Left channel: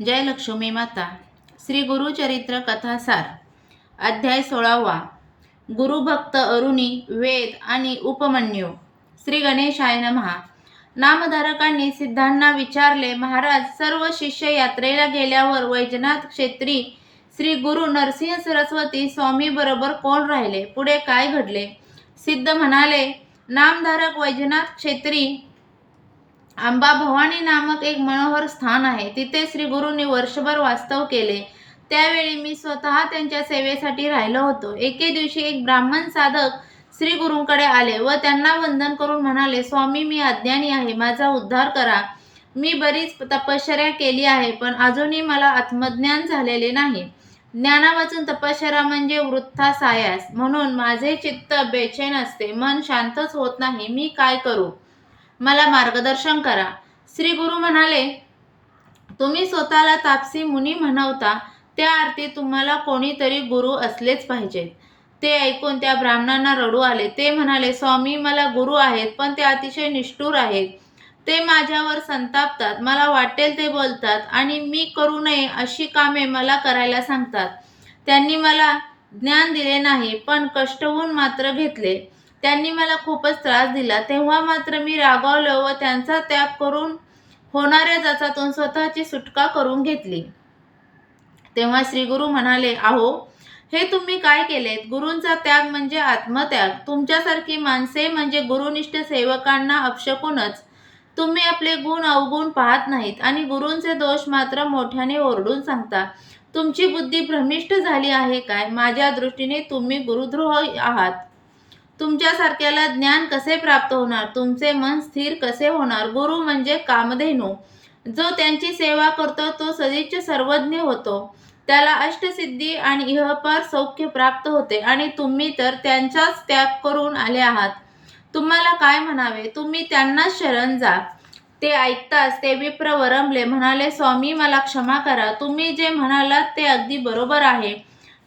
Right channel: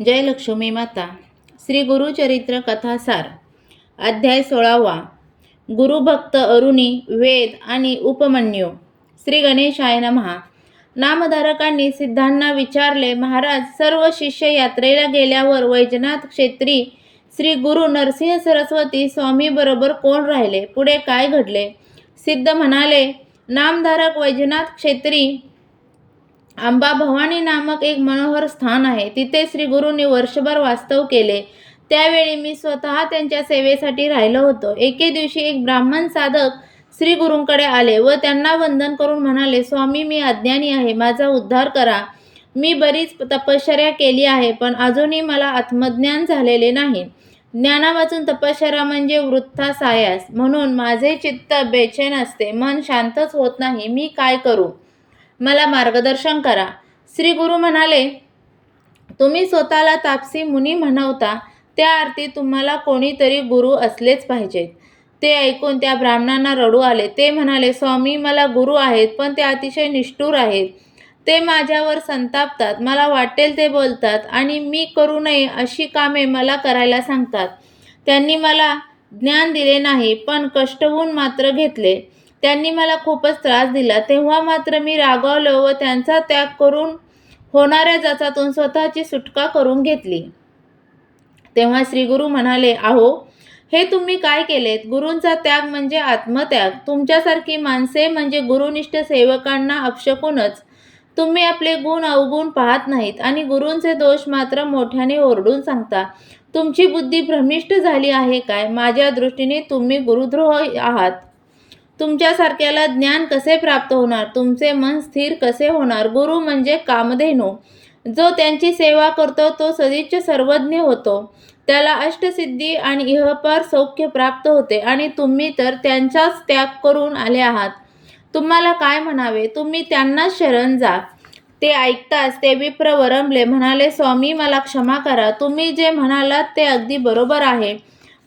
जय लक्ष्मी माता. श्री गुरुचरित्र कथासार. अध्याय 16वा. गुरुभक्त अरुणी, वेद आणि उपमन्यू. श्री गणेशाय नमः. नामधारकांनी सिद्धांना विचारले, महाराज, सर्व शिष्य यात्रेला गेल्यावर वैजनाथ क्षेत्री श्री गुरु नरसिंह सरस्वती स्वामी बरोबर कोण राहिले? पुढे काय घडले? सिद्ध म्हणाले, नामधारक वैजनाथ क्षेत्री अंबा भवानी नामक एक मनोहर स्थान आहे. तिथे श्री गुरूंनी वर्षभर वास्तव केले. त्यावेळी मी स्वतः त्यांच्या सेवेसाठी राहिलो होतो. एके दिवशी एक ब्राह्मण साधक श्री गुरूंकडे आले व त्यांना वंदन करून म्हणाले, स्वामी, मी अज्ञानी आहे, माझा उद्धार करा. मी बरीच तपश्चर्या केली आहे, पण अजूनही मला आत्मज्ञान झालेले नाही. ज्ञानावाचून तपश्चर्या म्हणजे वृथा सायास. म्हणून माझे चित्त बेचैन असते, मन शांतच होत नाही. मी काय करू? मला मार्गदर्शन करा. श्री गुरु म्हणाले, तुम्ही स्वतःला तापसी मुनी म्हणवता, त्या अर्थी तुम्हाला कोणीतरी गुरु असलेच पाहिजेत. ते ऐकून त्या ब्राह्मणांना रडू आले. ते म्हणाले, स्वामी, मला गुरु आहेत, पण ते अतिशय निष्ठुर आहेत. ते माझ्यावर संतापतात, मला वाटेल ते बोलतात आणि मी करू नये अशी कामे मला करायला सांगतात. त्यांनी मला ज्ञान दिले नाही, पण कष्टवून मात्र घेतले. त्यांनी मला खूपच त्रास दिला. तेव्हा मात्र मी रागावलो व त्यांचा त्याग करून होणाऱ्या जाचातून स्वतःची सुटका करून घेतली. तेव्हा श्री गुरु म्हणाले, अहो, हे तुम्ही काय केलेत? गुरूंचा त्याग म्हणजे आत्मत्याग. तुमच्यासारखी माणसे म्हणजे गुरुनिष्ठ सेवकांना अपशकूनच. तुम्ही आपले गुण अवगुण पाहत नाहीत आणि गुरूंचे दोष मात्र मोठ्याने ओरडून सांगता. तुमची बुद्धी भ्रमिष्ट झाली आहे काय? माझ्या दृष्टीने तुम्ही गुरुद्रोह आहात. तुमच्यासारख्याला ज्ञान कसे प्राप्त होणार? तुमचे मन स्थिर कसे होणार? गुरु म्हणजे कामधेनू. जो त्यांची सेवा करतो तो सदिच्छ सर्वज्ञ होतो. त्याला अष्टसिद्धी आणि इहपार सौख्य प्राप्त होते आणि तुम्ही तर त्यांचाच त्याग करून आले आहात. तुम्हाला काय म्हणावे? तुम्ही त्यांनाच शरण जा. ते ऐकताच ते विप्र वरमले. म्हणाले, स्वामी, मला क्षमा करा. तुम्ही जे म्हणालात ते अगदी बरोबर आहे,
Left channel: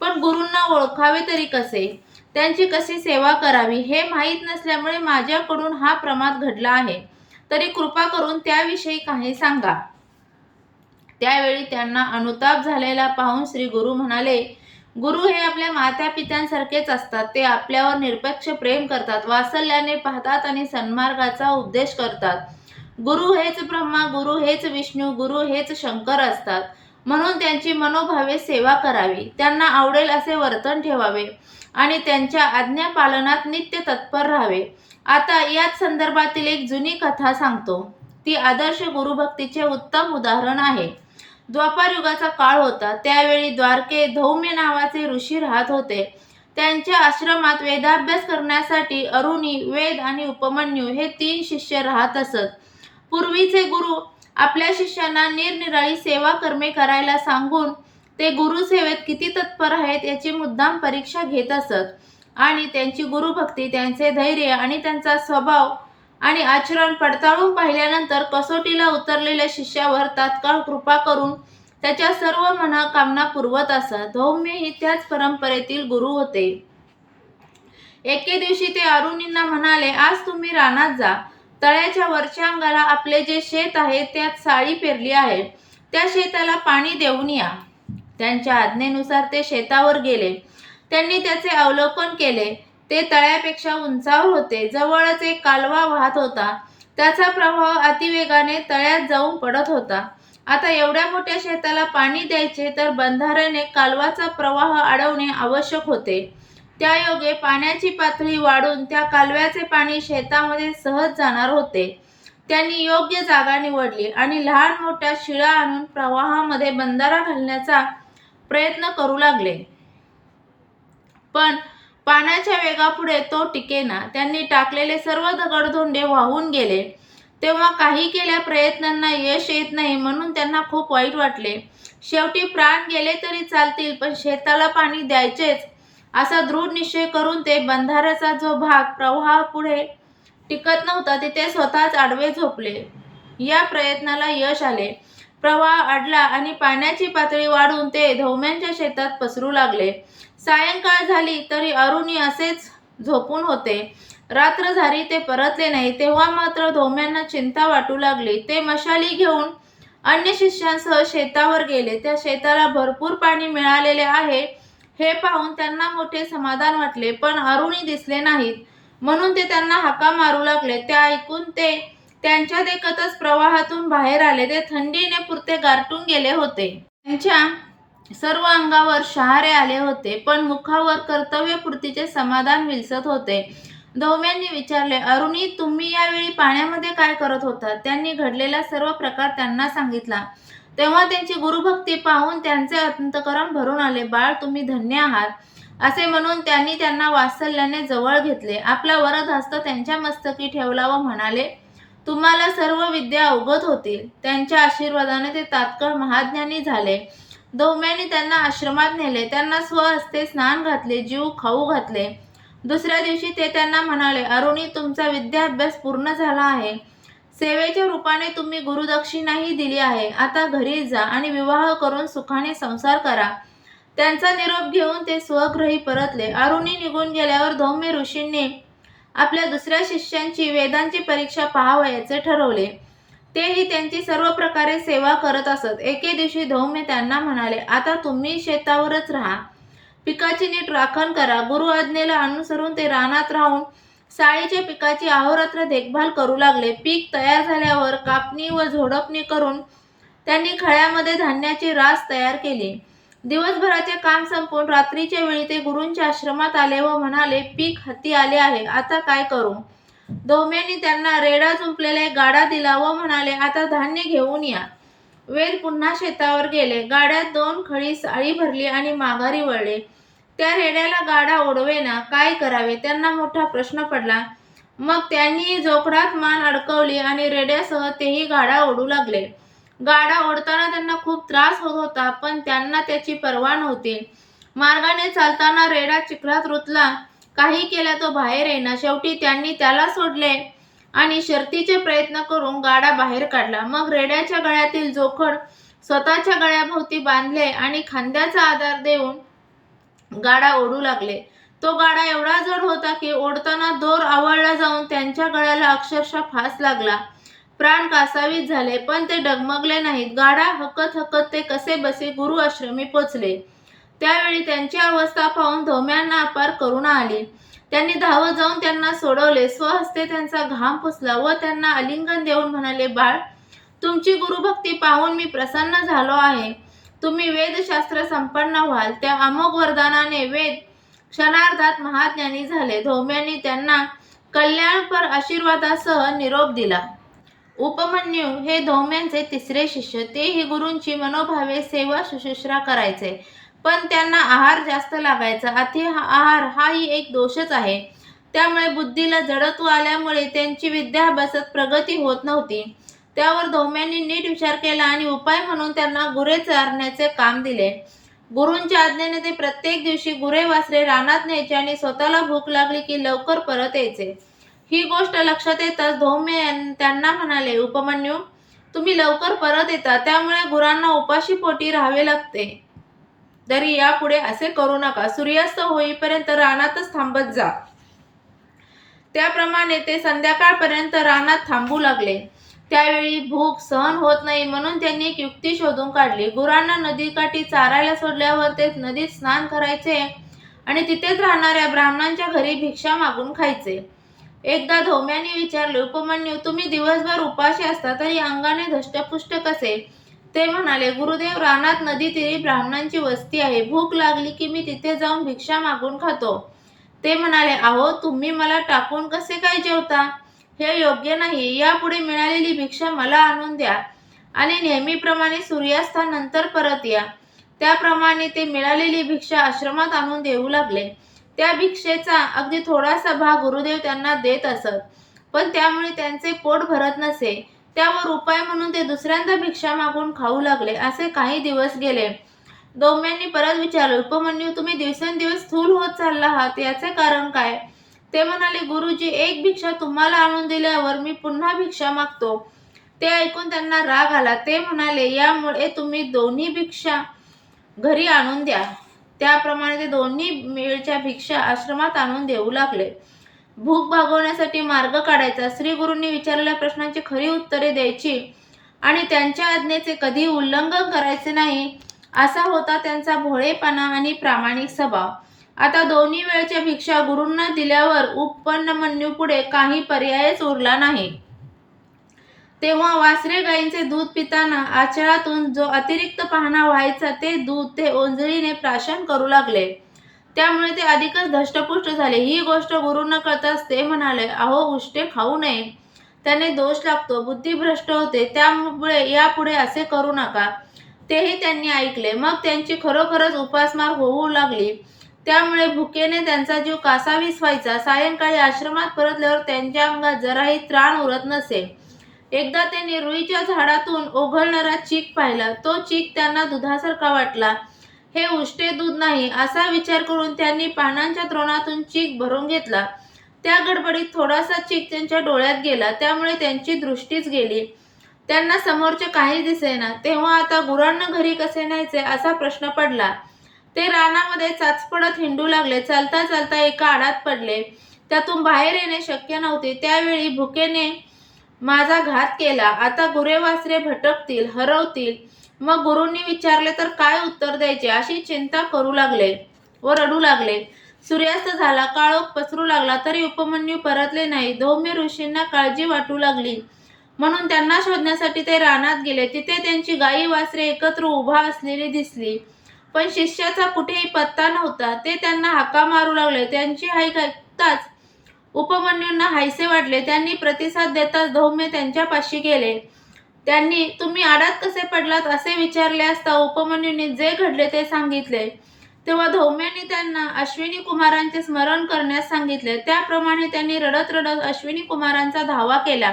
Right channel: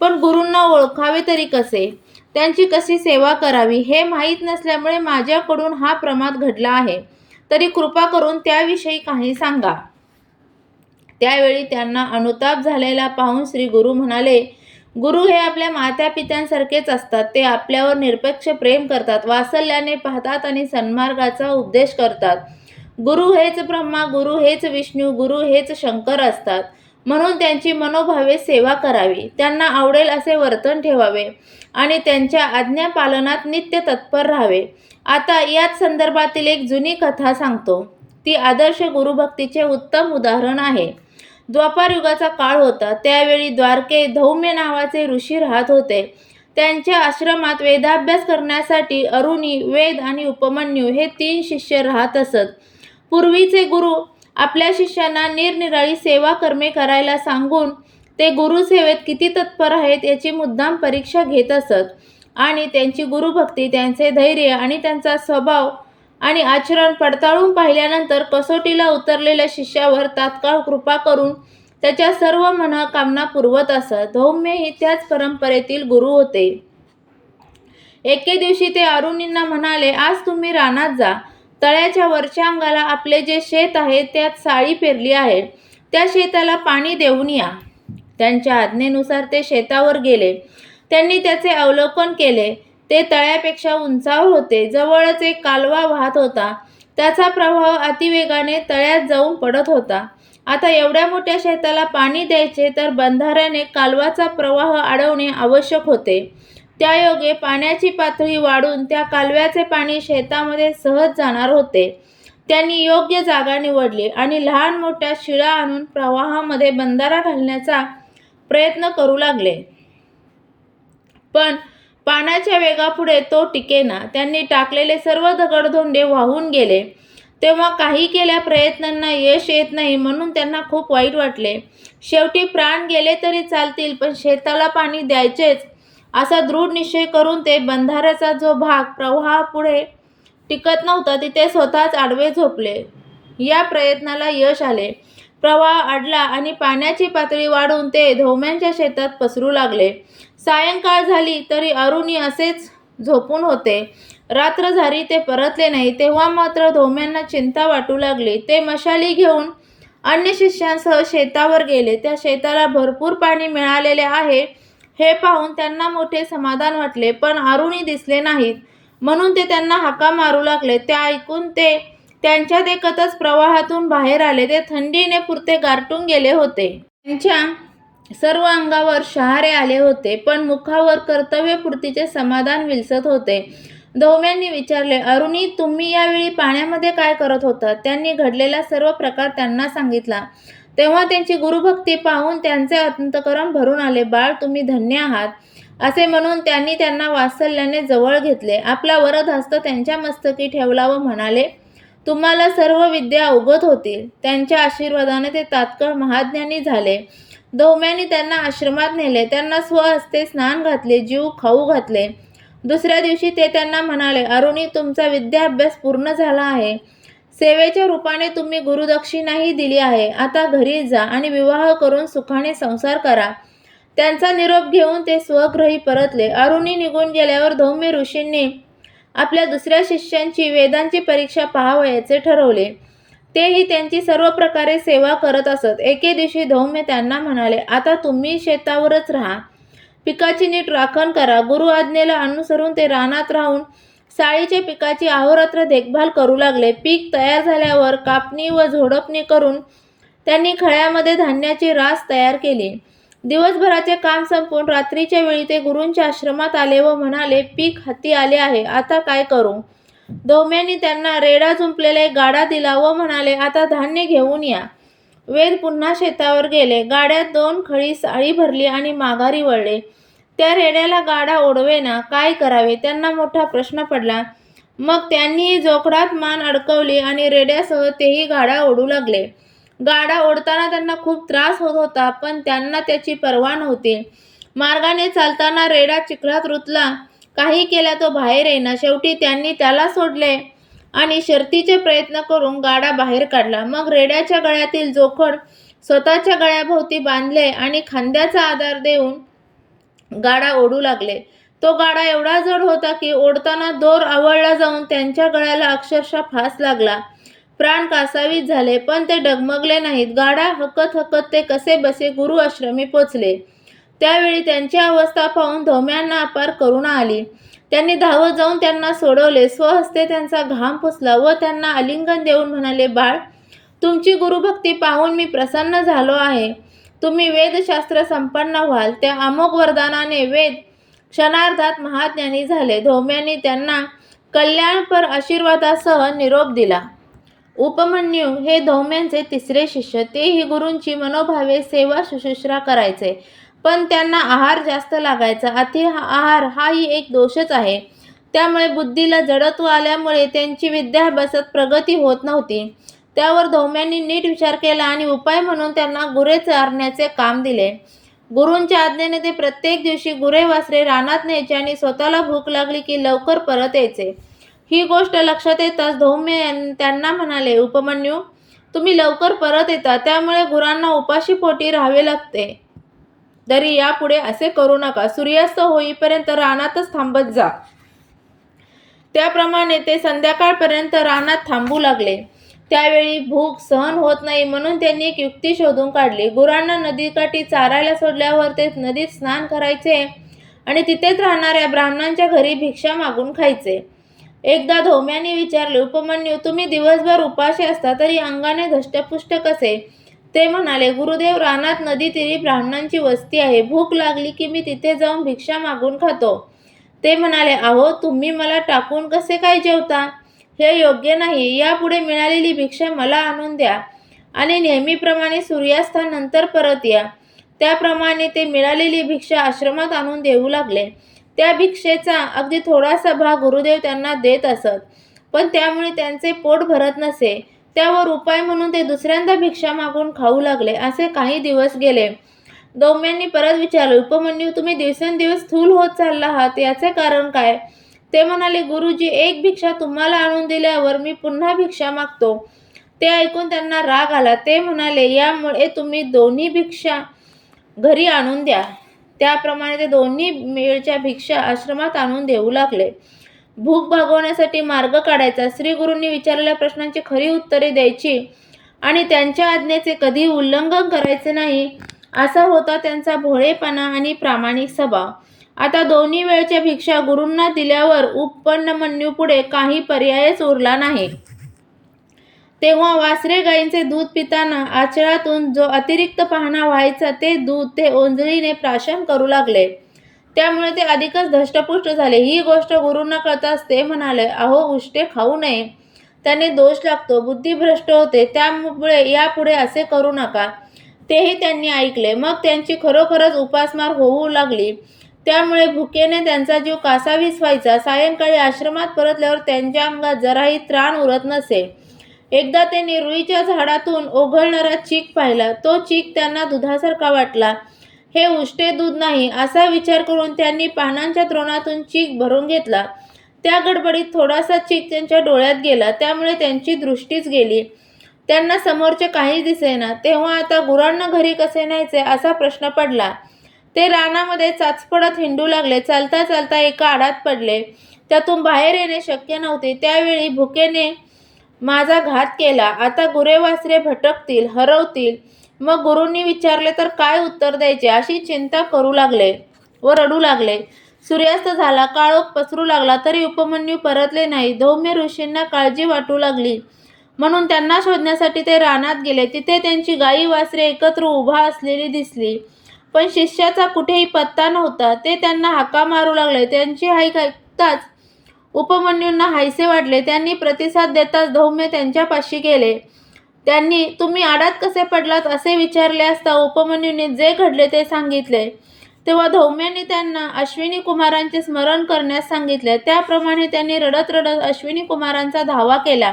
पण गुरूंना ओळखावे तरी कसे? त्यांची कशी सेवा करावी हे माहीत नसल्यामुळे माझ्याकडून हा प्रमाद घडला आहे. तरी कृपा करून त्याविषयी काही सांगा. त्यावेळी त्यांना अनुताप झालेला पाहून श्री गुरु म्हणाले, गुरु हे आपल्या मात्या पित्यांसारखेच असतात. ते आपल्यावर निरपेक्ष प्रेम करतात, वात्सल्याने पाहतात आणि सन्मार्गाचा उपदेश करतात. गुरु हेच ब्रह्मा, गुरु हेच विष्णू, गुरु हेच शंकर असतात. म्हणून त्यांची मनोभावे सेवा करावी, त्यांना आवडेल असे वर्तन ठेवावे आणि त्यांच्या आज्ञा पालनात नित्य तत्पर राहावे. आता याच संदर्भातील एक जुनी कथा सांगतो. ती आदर्श गुरुभक्तीचे उत्तम उदाहरण आहे. द्वापार युगाचा काळ होता. त्यावेळी द्वारके धौम्य नावाचे ऋषी राहत होते. त्यांच्या आश्रमात वेदाभ्यास करण्यासाठी अरुणी, वेद आणि उपमन्यू हे 3 शिष्य राहत असत. पूर्वीचे गुरु आपल्या शिष्यांना निरनिराळी सेवा कर्मे करायला सांगून ते गुरुसेवेत किती तत्पर आहेत याची मुद्दाम परीक्षा घेत असत आणि त्यांची गुरुभक्ती, त्यांचे धैर्य आणि त्यांचा स्वभाव आणि आचरण पडताळून पाहिल्यानंतर कसोटीला उतरलेल्या शिष्यावर तात्काळ कृपा करून त्याच्या सर्व मनोकामना पुरवत असत. धौम्य ही त्याच परंपरेतील गुरु होते. एके दिवशी ते अरुणींना म्हणाले, आज तुम्ही रानात जा. तळ्याच्या वरच्या अंगाला आपले जे शेत आहे त्यात साळी पेरली आहे. त्या शेताला पाणी देऊन या. त्यांच्या आज्ञेनुसार ते शेतावर गेले. त्यांनी त्याचे अवलोकन केले. ते तळ्यापेक्षा उंचावर होते. जवळच एक कालवा वाहत होता. त्याचा प्रवाह अतिवेगाने तळ्यात जाऊन पडत होता. आता एवढ्या मोठ्या शेताला पाणी द्यायचे तर बंधाऱ्याने कालवाचा प्रवाह अडवणे आवश्यक होते. त्यायोगे पाण्याची पातळी वाढून त्या कालव्याचे पाणी शेतामध्ये सहज जाणार होते. त्यांनी योग्य जागा निवडली आणि लहान मोठ्या शिळा आणून प्रवाहामध्ये बंधारा घालण्याचा प्रयत्न करू लागले. पण पाण्याच्या वेगापुढे तो टिकेना. त्यांनी टाकलेले सर्व दगडधोंडे वाहून गेले. तेव्हा काही केल्या प्रयत्नांना यश येत नाही म्हणून त्यांना खूप वाईट वाटले. शेवटी प्राण गेले तरी चालतील, पण शेताला पाणी द्यायचेच असा दृढ निश्चय करून ते बंधाऱ्याचा जो भाग प्रवाहापुढे टिकत नव्हता तिथे स्वतःच आडवे झोपले. या प्रयत्नाला यश आले. प्रवाह अडला आणि पाण्याची पातळी वाढून ते धौम्यांच्या शेतात पसरू लागले. सायंकाळ झाली तरी अरुणी असेच झोपून होते. रात्र झाली ते परतले नाही. तेव्हा मात्र धौम्यांना चिंता वाटू लागली. ते मशाली घेऊन अन्य शिष्यांसह शेतावर गेले. त्या शेताला भरपूर पाणी मिळालेले आहे हे पाहून त्यांना मोठे समाधान वाटले. पण अरुणी दिसले नाहीत, म्हणून ते त्यांना हाका मारू लागले. ते ऐकून ते त्यांच्या देखतच प्रवाहातून बाहेर आले. ते थंडीने पुरते गारठून गेले होते. त्यांच्या सर्व अंगावर शहारे आले होते, पण मुखावर कर्तव्यपूर्तीचे समाधान विलसत होते. धोम्यांनी विचारले, अरुणी, तुम्ही यावेळी पाण्यामध्ये काय करत होता? त्यांनी घडलेला सर्व प्रकार त्यांना सांगितला. तेव्हा त्यांची गुरुभक्ती पाहून त्यांचे अंतःकरण भरून आले. बाळ, तुम्ही धन्य आहात, असे म्हणून त्यांनी त्यांना वात्सल्याने जवळ घेतले. आपला वरदहस्त त्यांच्या मस्तकी ठेवला व म्हणाले, तुम्हाला सर्व विद्या अवगत होतील. त्यांच्या आशीर्वादाने ते तात्काळ महाज्ञानी झाले. धोम्यांनी त्यांना आश्रमात नेले. त्यांना स्वहस्ते स्नान घातले, जीव खाऊ घातले. दुसऱ्या दिवशी ते त्यांना म्हणाले, अरुणी, तुमचा विद्याभ्यास पूर्ण झाला आहे. सेवेच्या रूपाने तुम्ही गुरुदक्षिणाही दिली आहे. आता घरी जा आणि विवाह करून सुखाने संसार करा. त्यांचा निरोप घेऊन ते स्वगृही परतले. अरुणी निघून गेल्यावर धौम्य ऋषींनी आपल्या दुसऱ्या शिष्यांची वेदांची परीक्षा पाहावयाचे ठरवले. तेही त्यांची सर्व प्रकारे सेवा करत असत. एके दिवशी धौम्य त्यांना म्हणाले, आता तुम्ही शेतावरच राहा. पिकाची नीट राखण करा. गुरु आज्ञेला अनुसरून ते रानात राहून साळीच्या पिकाची अहोरात्र देखभाल करू लागले. पीक तयार झाल्यावर कापणी व झोडपणी करून त्यांनी खळ्यामध्ये धान्याची रास तयार केली. दिवसभराचे काम संपवून रात्रीच्या वेळी ते गुरूंच्या आश्रमात आले व म्हणाले, पीक हाती आले आहे, आता काय करू? धौम्यांनी त्यांना रेडा जुंपलेला एक गाडा दिला व म्हणाले, आता धान्य घेऊन या. वेद पुन्हा शेतावर गेले. गाड्यात 2 खळी साळी भरली आणि माघारी वळले. त्या रेड्याला गाडा ओढवेना. काय करावे त्यांना मोठा प्रश्न पडला. मग त्यांनी जोखडात मान अडकवली आणि रेड्यासह तेही गाडा ओढू लागले. गाडा ओढताना त्यांना खूप त्रास होत होता, पण त्यांना त्याची पर्वा नव्हती. मार्गाने चालताना रेडा चिखलात रुतला. काही केल्या तो बाहेर येईना. शेवटी त्यांनी त्याला सोडले आणि शर्तीचे प्रयत्न करून गाडा बाहेर काढला. मग रेड्याच्या गळ्यातील जोखड स्वतःच्या गळ्याभोवती बांधले आणि खांद्याचा आधार देऊन गाडा ओढू लागले. तो गाडा एवढा जड होता की ओढताना दोर आवळला जाऊन त्यांच्या गळ्याला अक्षरशः फास लागला. प्राण कासावीस झाले, पण ते डगमगले नाहीत. गाडा हकत हकत ते कसे बसे गुरु आश्रमी पोचले. त्यावेळी त्यांची अवस्था पाहून धौम्यांना अपार करुणा आली. त्यांनी धावत जाऊन त्यांना सोडवले. स्वहस्ते त्यांचा घाम पुसला व त्यांना आलिंगन देऊन म्हणाले, बाळ, तुमची गुरुभक्ती पाहून मी प्रसन्न झालो आहे. तुम्ही वेदशास्त्र संपन्न व्हाल. त्या अमोघ वरदानाने वेद क्षणार्धात महाज्ञानी झाले. धौम्यांनी त्यांना कल्याणपर आशीर्वादासह निरोप दिला. उपमन्यू हे धौम्यांचे तिसरे शिष्य. तेही गुरूंची मनोभावे सेवा शुश्रूषा करायचे, पण त्यांना आहार जास्त लागायचा. अति आहार हाही एक दोषच आहे. त्यामुळे बुद्धीला जडत्व आल्यामुळे त्यांची विद्याभ्यासात प्रगती होत नव्हती. त्यावर धौम्यांनी नीट विचार केला आणि उपाय म्हणून त्यांना गुरे चारण्याचे काम दिले. गुरूंच्या आज्ञेने ते प्रत्येक दिवशी गुरे वासरे रानात न्यायचे आणि स्वतःला भूक लागली की लवकर परत यायचे. ही गोष्ट लक्षात येताच धौम्य त्यांना म्हणाले, उपमन्यू, तुम्ही लवकर परत येता, त्यामुळे गुरांना उपाशी पोटी राहावे लागते. तरी यापुढे असे करू नका. सूर्यास्त होईपर्यंत रानातच थांबत जा. त्याप्रमाणे ते संध्याकाळपर्यंत रानात थांबू लागले. त्यावेळी भूक सहन होत नाही, म्हणून त्यांनी एक युक्ती शोधून काढली. गुरांना नदीकाठी चारायला सोडल्यावर ते नदीत स्नान करायचे आणि तिथेच राहणाऱ्या ब्राह्मणांच्या घरी भिक्षा मागून खायचे. एकदा धौम्यांनी विचारले, उपमन्यू, तुम्ही दिवसभर उपाशी असता तरी अंगाने धष्टपुष्ट कसे? ते म्हणाले, गुरुदेव, रानात नदीतीरी ब्राह्मणांची वस्ती आहे. भूक लागली की मी तिथे जाऊन भिक्षा मागून खातो. ते म्हणाले, अहो, तुम्ही मला टाकून कसे काय जेवता? हे योग्य नाही. यापुढे मिळालेली भिक्षा मला आणून द्या आणि नेहमीप्रमाणे सूर्यास्तानंतर परत या. त्याप्रमाणे ते मिळालेली भिक्षा आश्रमात आणून देऊ लागले. त्या भिक्षेचा अगदी थोडासा भाग गुरुदेव त्यांना देत असत, पण त्यामुळे त्यांचे पोट भरत नसे. त्यावर उपाय म्हणून ते दुसऱ्यांदा भिक्षा मागून खाऊ लागले. असे काही दिवस गेले. धौम्यांनी परत विचारले, उपमन्यू, तुम्ही दिवसेंदिवस स्थूल होत चालला आहात, याचे कारण काय? ते म्हणाले, गुरुजी, एक भिक्षा तुम्हाला आणून दिल्यावर मी पुन्हा भिक्षा मागतो. ते ऐकून त्यांना राग आला. ते म्हणाले, यामुळे तुम्ही दोन्ही भिक्षा घरी आणून द्या. त्याप्रमाणे ते दोन्ही वेळच्या भिक्षा आश्रमात आणून देऊ लागले. भूक भागवण्यासाठी मार्ग काढायचा. श्री गुरूंनी विचारलेल्या प्रश्नांची खरी उत्तरे द्यायची आणि त्यांच्या आज्ञेचे कधी उल्लंघन करायचे नाही, असा होता त्यांचा भोळेपणा आणि प्रामाणिक स्वभाव. आता दोन्ही वेळच्या भिक्षा गुरूंना दिल्यावर उपमन्यूपुढे काही पर्यायच उरला नाही. तेव्हा वासरे गायींचे दूध पिताना आचळातून जो अतिरिक्त पाहणा व्हायचा ते दूध ते ओंजळीने प्राशन करू लागले. त्यामुळे ते अधिकच धष्टपुष्ट झाले. ही गोष्ट गुरूंना कळताच ते म्हणाले, अहो उष्टे खाऊ नये, त्याने दोष लागतो, बुद्धिभ्रष्ट होते, त्यामुळे यापुढे असे करू नका. तेही त्यांनी ऐकले. मग त्यांची खरोखरच उपासमार होऊ लागली. त्यामुळे भुकेने त्यांचा जीव कासावीस व्हायचा. सायंकाळी आश्रमात परतल्यावर त्यांच्या अंगात जराही त्राण उरत नसे. एकदा त्यांनी रुईच्या झाडातून ओघळणारा चीक पाहिला. तो चीक त्यांना दुधासारखा वाटला. हे उष्टे दूध नाही असा विचार करून त्यांनी पानांच्या द्रोणातून चीक भरून घेतला. त्या गडबडीत थोडासा चीक त्यांच्या डोळ्यात गेला. त्यामुळे त्यांची दृष्टीच गेली. त्यांना समोरचे काहीच दिसेना. तेव्हा आता गुरांना घरी कसे न्यायचे असा प्रश्न पडला. ते रानामध्ये चाचपडत हिंडू लागले. चालता चालता एका आडात पडले. त्यातून बाहेर येणे शक्य नव्हते. त्यावेळी भुकेने माझा घात केला. आता गुरे वासरे भटकतील, हरवतील. मग गुरूंनी विचारले तर काय उत्तर द्यायचे अशी चिंता करू लागले व रडू लागले. सूर्यास्त झाला. काळोख पसरू लागला तरी उपमन्यू परतले नाही. धौम्य ऋषींना काळजी वाटू लागली म्हणून त्यांना शोधण्यासाठी ते रानात गेले. तिथे त्यांची गायी वासरे एकत्र उभा असलेली दिसली, पण शिष्याचा कुठेही पत्ता नव्हता. ते त्यांना हाका मारू लागले. त्यांची हाक ऐकताच उपमन्यूंना हायसे वाटले. त्यांनी प्रतिसाद देताच धौम्य त्यांच्यापाशी गेले. त्यांनी तुम्ही आडात कसे पडलात असे विचारले असता उपमन्यूंनी जे घडले ते सांगितले. तेव्हा धौम्यांनी त्यांना अश्विनी कुमारांचे स्मरण करण्यास सांगितले. त्याप्रमाणे त्यांनी रडत रडत अश्विनी कुमारांचा धावा केला.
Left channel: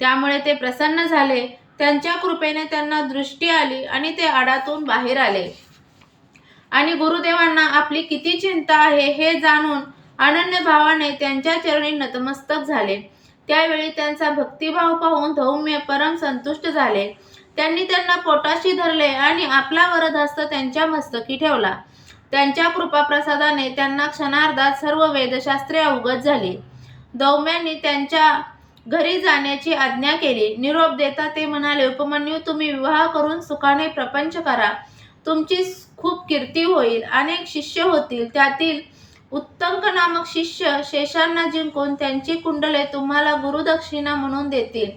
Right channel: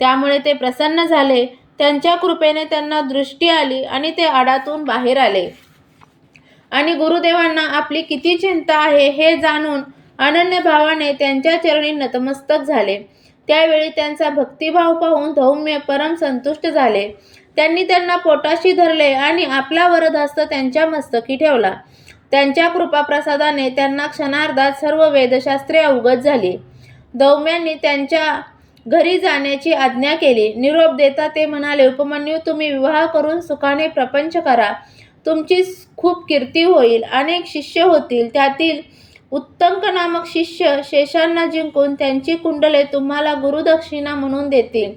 त्यामुळे ते प्रसन्न झाले. त्यांच्या कृपेने त्यांना दृष्टी आली आणि ते आडातून बाहेर आले आणि गुरुदेवांना आपली किती चिंता आहे हे जाणून अनन्य भावाने त्यांच्या चरणी नतमस्तक झाले. त्यावेळी त्यांचा भक्तिभाव पाहून धौम्य परम संतुष्ट झाले. त्यांनी त्यांना पोटाशी धरले आणि आपला वरदहस्त त्यांच्या मस्तकी ठेवला. त्यांच्या कृपाप्रसादाने त्यांना क्षणार्धात सर्व वेदशास्त्रे अवगत झाली. धौम्यांनी त्यांच्या घरी जाण्याची आज्ञा केली. निरोप देता ते म्हणाले, उपमन्यू तुम्ही विवाह करून सुखाने प्रपंच करा. तुमची खूप कीर्ती होईल. अनेक शिष्य होतील. त्यातील उत्तंक नामक शिष्य शेषांना जिंकून त्यांची कुंडले तुम्हाला गुरुदक्षिणा म्हणून देतील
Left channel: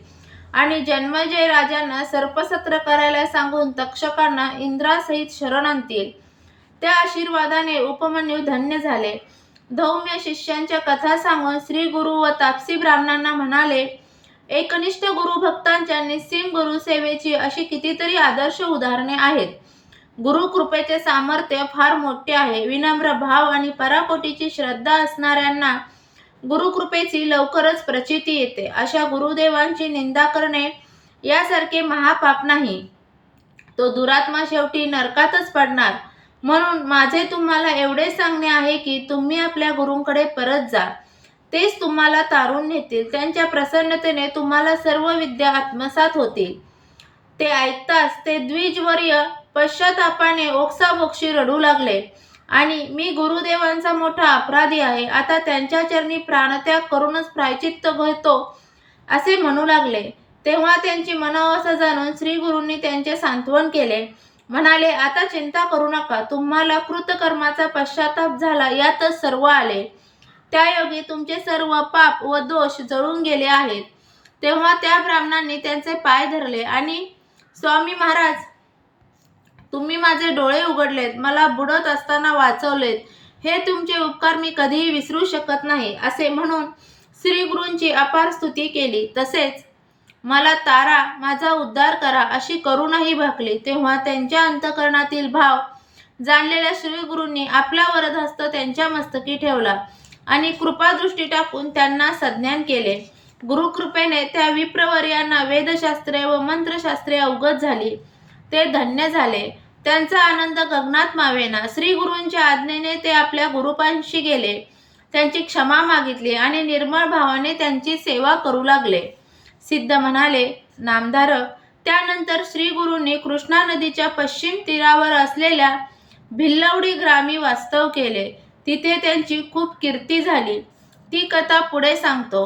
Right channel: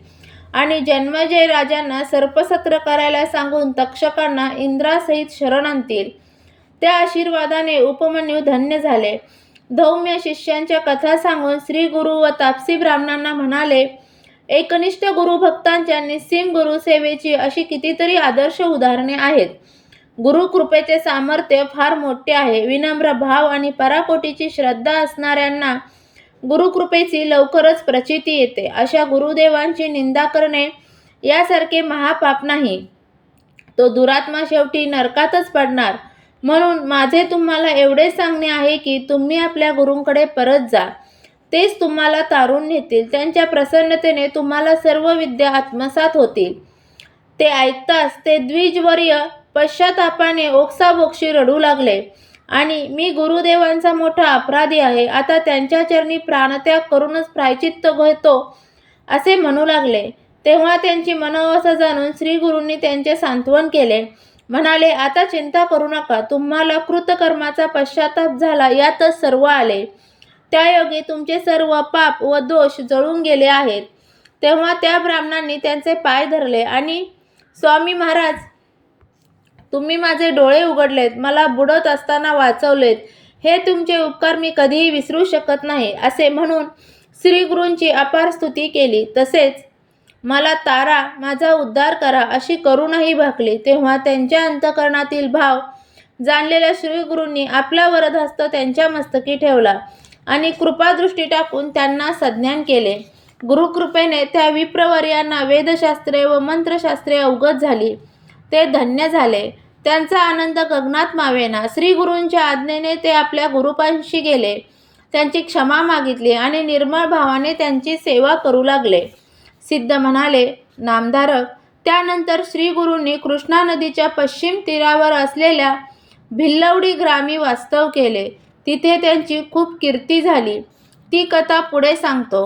आणि जन्मजय राजांना सर्पसत्र करायला सांगून तक्षकांना इंद्रासहित शरण आणतील. त्या आशीर्वादाने उपमन्यू धन्य झाले. धौम्य शिष्यांच्या कथा सांगून श्री गुरु व तापसी ब्राह्मणांना म्हणाले, एकनिष्ठ गुरुभक्तांच्या निस्सीम गुरुसेवेची अशी कितीतरी आदर्श उदाहरणे आहेत. गुरुकृपेचे सामर्थ्य फार मोठे आहे. विनम्र भाव आणि पराकोटीची श्रद्धा असणाऱ्यांना गुरुकृपेची लवकरच प्रचिती येते. अशा गुरुदेवांची निंदा करणे यासारखे महापाप नाही. तो दुरात्मा शेवटी नरकातच पडणार. म्हणून माझे तुम्हाला एवढे सांगणे आहे की तुम्ही आपल्या गुरूंकडे परत जा. तेच तुम्हाला तारून नेतील. त्यांच्या प्रसन्नतेने तुम्हाला सर्व विद्या आत्मसात होतील. ते ऐकताच ते द्विजवर्य पश्चातापाने ओक्साबोक्षी रडू लागले आणि मी गुरुदेवांचा मोठा अपराधी आहे. आता त्यांच्या चरणी प्राणत्याग करूनच प्रायचित्त घेतो असे म्हणू लागले. तेव्हा त्यांची मनोअवस्था जाणून श्री गुरूंनी त्यांचे सांत्वन केले. म्हणाले, आता चिंता करू नका. तुम्हाला कृतकर्माचा पश्चाताप झाला यातच सर्व आले. त्यायोगे तुमचे सर्व पाप व दोष जळून गेले आहेत. तेव्हा त्या ब्राह्मणांनी त्यांचे पाय धरले आणि स्वामी महाराज, तुम्ही माझे डोळे उघडलेत, मला बुडत असताना वाचवलेत, हे तुमचे उपकार मी कधीही विसरू शकत नाही असे म्हणून श्री गुरूंची अपार स्तुती केली. तसेच मला तारा, माझा उद्धार करा अशी करूनही भाकली. तेव्हा त्यांच्या अंतःकरणातील भाव जाणलेल्या श्री गुरूंनी आपला वरदहस्त त्यांच्या मस्तकी ठेवला आणि कृपादृष्टी टाकून त्यांना सज्ञान केले. गुरुकृपेने त्या विप्रवर्यांना वेदशास्त्रे व मंत्रशास्त्रे अवगत झाली. ते धन्य झाले. त्यांचा आनंद गगनात मावेना. श्री गुरूंच्या आज्ञेने ते आपल्या गुरुपांशी गेले. त्यांची क्षमा मागितली आणि निर्मळ भावाने त्यांची सेवा करू लागले. सिद्ध म्हणाले, नामधारक, त्यानंतर श्री गुरूंनी कृष्णा नदीच्या पश्चिम तीरावर असलेल्या भिल्लवडी ग्रामी वास्तव केले. तिथे त्यांची खूप कीर्ती झाली. ती कथा पुढे सांगतो.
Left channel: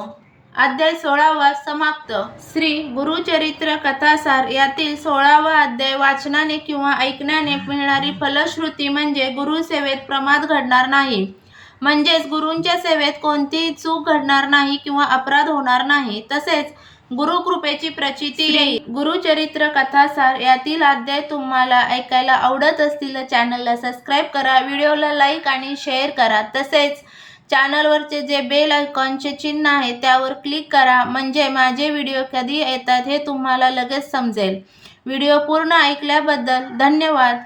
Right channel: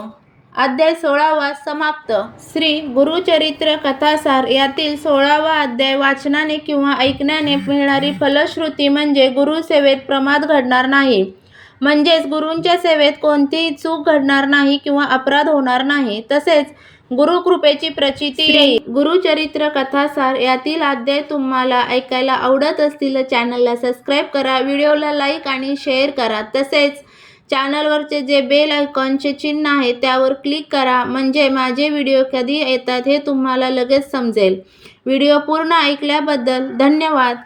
अध्याय 16वा समाप्त. श्री गुरुचरित्र कथासार यातील 16वा अध्याय. वाचनाने किंवा ऐकण्याने मिळणारी फलश्रुती म्हणजे गुरुसेवेत प्रमाद घडणार नाही, म्हणजेच गुरूंच्या सेवेत कोणतीही चूक घडणार नाही किंवा अपराध होणार नाही. तसेच गुरुकृपेची प्रचिती येईल. गुरुचरित्र कथासार यातील अध्याय तुम्हाला ऐकायला आवडत असतील तर चॅनलला सबस्क्राईब करा, व्हिडिओला लाईक आणि शेअर करा. तसेच चॅनलवरचे जे बेल आयकॉनचे चिन्ह आहे त्यावर क्लिक करा, म्हणजे माझे व्हिडिओ कधी येतात हे तुम्हाला लगेच समजेल. व्हिडिओ पूर्ण ऐकल्याबद्दल धन्यवाद.